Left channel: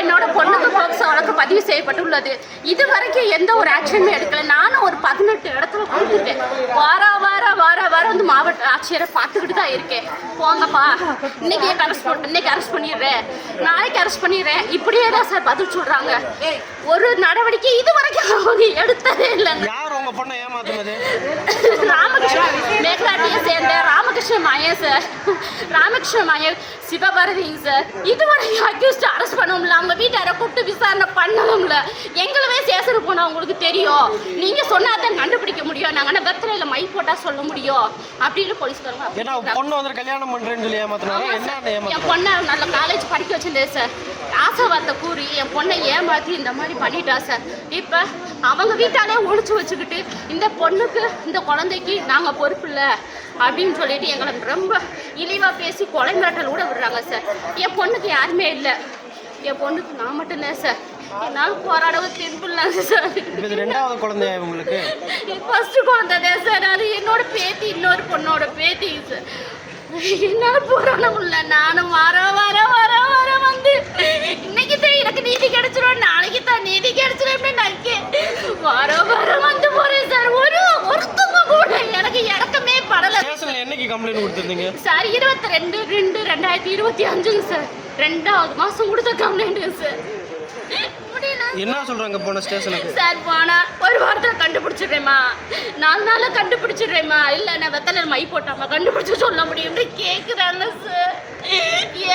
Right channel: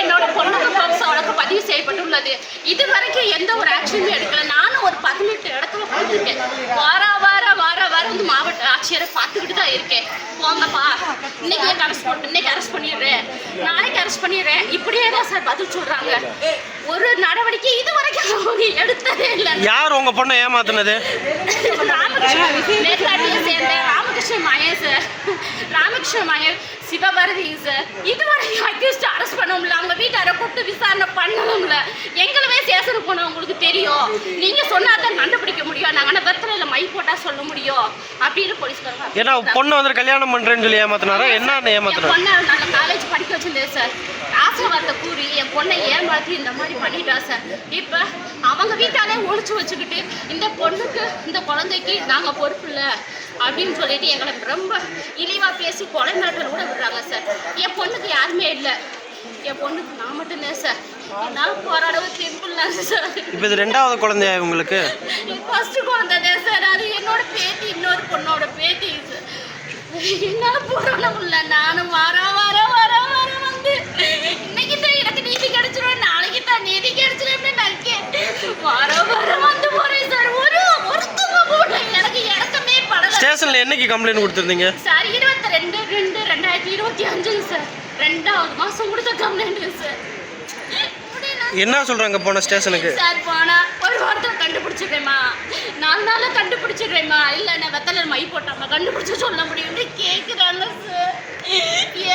என்னோட பொண்ணுக்கு போக்சோ வழக்கு பதிவு செய்யப்பட்டுள்ளது. இதுவரைக்கும் எந்த ஒரு ஆக்ஷனுமே எடுக்கல. நானும் ஒரு 18 இடத்துல போயிருக்கேன். வார வந்து மாவட்ட ஆட்சியரை பார்த்துக்கிட்டு தான் இருக்கேன். போங்கப்பா, இன்னைக்கு அரெஸ்ட் பண்ணிடுறேன், நாளைக்கு அரெஸ்ட் பண்ணிடுறேன், இப்படியே தான் சார் பதில் சொல்றாங்க. ஒரு நடவடிக்கை இதுவரைக்கும் அவங்க எடுத்ததே இல்லை. யார் உங்க பொண்ணை ஏமாத்துனது? ராமகிருஷ்ணன் மேற்காட்டியை சேர்ந்த ராமகிருஷ்ணன் மகேஷ் சார், ராமகிருஷ்ணன் மகேஷ் சிவபாரதிங்க சார். இதுவரைக்கும் அக்யூஸ்ட் அரெஸ்ட் பண்ணவும்ல, அவங்க வீட்டாரை கூப்பிட்டு விசாரணை பண்ணவும்ல. எங்களுமே சேசனுக்கு போனோம், உங்களுக்கு தெரியும். நீங்க சொன்னாதான் கண்டுபிடிக்க முடியும். நாங்கள் வெத்தலையில மை போட்டா சொல்ல முடியும் அப்படின்னு போலீஸ்காரங்க. ஏன்னா பொண்ணு வந்து கல்யாணம் பண்றேன்னு சொல்லி ஏமாத்தினாரா? என்ன ஏமாத்தினா? பொண்ணை நல்ல காலேஜ் படிக்க வச்சிருந்தேன் சார். ஆசைவார்த்தை கூறி என் பொண்ணை ஏமாத்தி இந்த மாதிரி பண்ணிட்டா சார். இப்போ அவங்க வீட்டாலே ஒழிச்சு வச்சுக்கிட்டு இந்த பொண்ணுக்கு இந்த குழந்தைக்கு நாங்கள் பொறுப்பு இல்லை அப்படின்னு சொல்லிட்டு எங்களை ரொம்ப இழிவாக பேசி கொலை மிரட்டல் கூட விடுறாங்க சார். என் பொண்ணுக்கு யாருமே இல்லை, என் பொண்ணுக்கு நான் மட்டும்தான் சார். என்னால் போராடவே தெம்பிடலாம் சார். இப்போ இது 2வது குழந்தையா உங்களுக்கு? ஃபர்ஸ்ட் குழந்தை தான் சார். அது என்னோட பேத்தி, இன்னொரு பொண்ணோட பேத்தி சார். என்னால் போராட முடியல. நானும் வர வந்து இன்னைக்கு தான் எனக்கு நீதி கிடைச்சிடும், நாளைக்கு தான் நீதி கிடைச்சிடும் வர வந்து போறேன் சார். ஒருத்தவங்க கூட எனக்கு இறக்கமே படல. ஸ்டேஷன்ல என்னைக்கு கம்ப்ளைண்ட் கொடுத்திருந்தீங்க சார்? 22/2/2025 சார். 2வது மாசம் கொடுத்த கம்ப்ளைண்ட் சார். என்ன சொல்றாங்க போன ஸ்டேஷனுக்கு? சார் போனா ஒரு வாரத்தில் கண்டுபிடிச்சிடுறேம்மா, 4 நாள்ல கண்டுபிடிச்சிடுறேம்மா, இல்லை நான் வெத்தலை மை போட்டாமா கண்டுபிடிச்சு சொல்ல முடியும்னு கேட்குறாங்க சார்.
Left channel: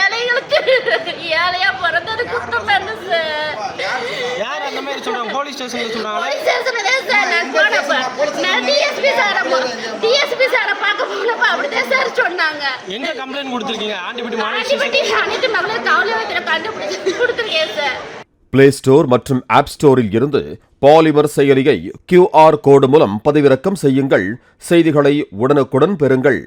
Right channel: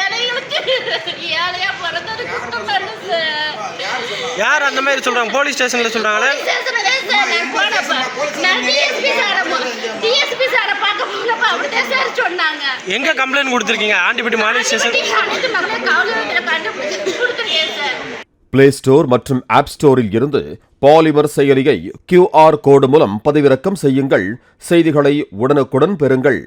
ஏழைகளுக்கு ஏழையா பிறந்தது குத்தம் தானே சார். யார் அந்த மாதிரி சொல்றாங்க? போலீஸ் ஸ்டேஷன்ல சொல்றாங்களே. நான் டிஎஸ்பி சாரை பார்க்க போனப்ப அப்படிதான் சார் சொன்னாங்க. எங்க கம்ப்ளைண்ட் கொடுத்துருக்கீங்க? ஆண்டிபட்டி மாநில ஸ்டேஷன் அனைத்து மகளிர் காவல் நிலையத்தில் கண்டுபிடிச்சு கொடுத்துருக்கேன் சார். பிளே ஸ்டோர் மற்றும் ஆப் ஸ்டோரில் இருந்து பாலிமர் செயலியை QR கோடு மூலம் பதிவிறக்கம் செய்யுங்கள். செய்திகளை உடனுக்குடன் பெறுங்கள்.